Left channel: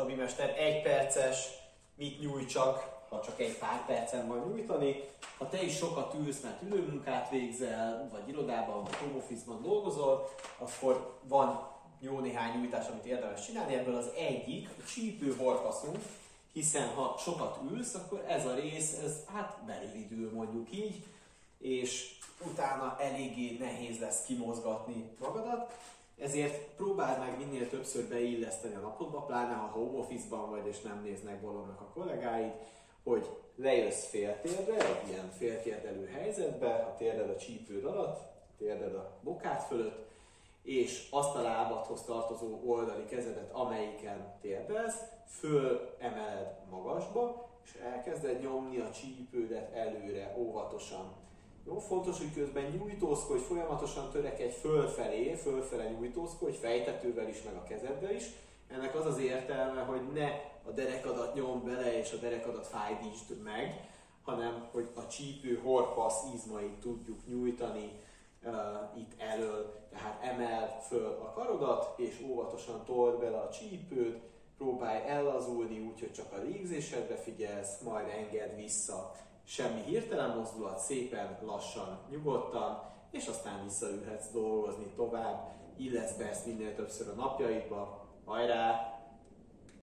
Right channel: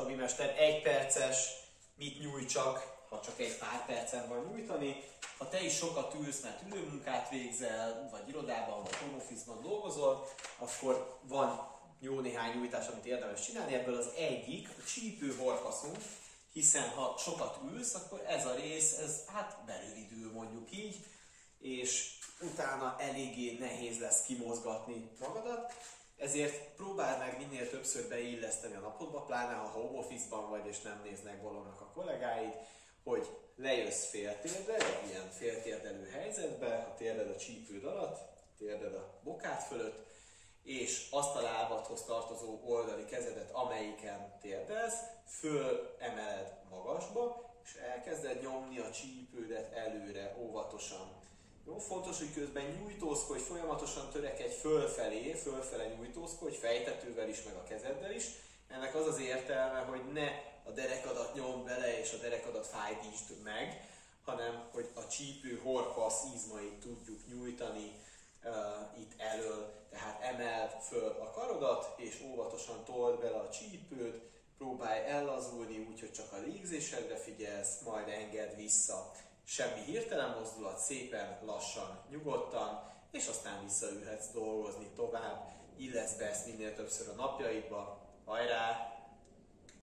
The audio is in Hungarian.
Csabi mester 1 perces, mit nyújtsak, ha csak egy pár percen van nyújtani. Ha te is sokat ülsz, mert ülőmunkát végzel, vagy irodában, vagy home office-ban dolgozol, akkor van jó néhány nyújtás, amit érdemes csinálni. Ebből az egyik a csípő horkaszunk, hiszen ha sokat ülsz, akkor ez a rész, berövidül mondjuk így, és utána eléggé nehéz lesz kimozgatni magadat. Ezért próbáld meg minél többször beilleszteni a napodba, pláne ha home office-ban vagy és nem néznek bolondnak a kollégáid, hogy lejössz féltérdre, egy ilyen féltérdelő helyzetbe, a térded a csípőd alatt, a térded a bokád fölött, és azt a lábadhoz tartozó oldali kezedet, amelyiken térdelsz, fölemeled magasba, és elkezded nyomni a csípődet előre, óvatosan. Jó, fontos, hogy közben nyújtózkodj, folyamatosan törekedj fölfele nyújtózkodj, fejtetővel is, meg a kezeddel is. Ennek az az értelme, hogy ne a derekadat nyomd bele és a derekadat fájdítsd meg, hanem hogy a csípő horpasz izmait tudjuk nyújtani itt elől. Tehát emeld föl a karodat, és óvatosan told bele a csípőt, próbálj ellazulni úgy, hogy csak a légzésedre figyelsz, majd engedd vissza. Semmi hirtelen mozdulat, szépen, lassan, nyugodtan, és aztán visszaülhetsz dolgozni tovább, illeszd be ezt minél többször a napjaidba. Hajrá!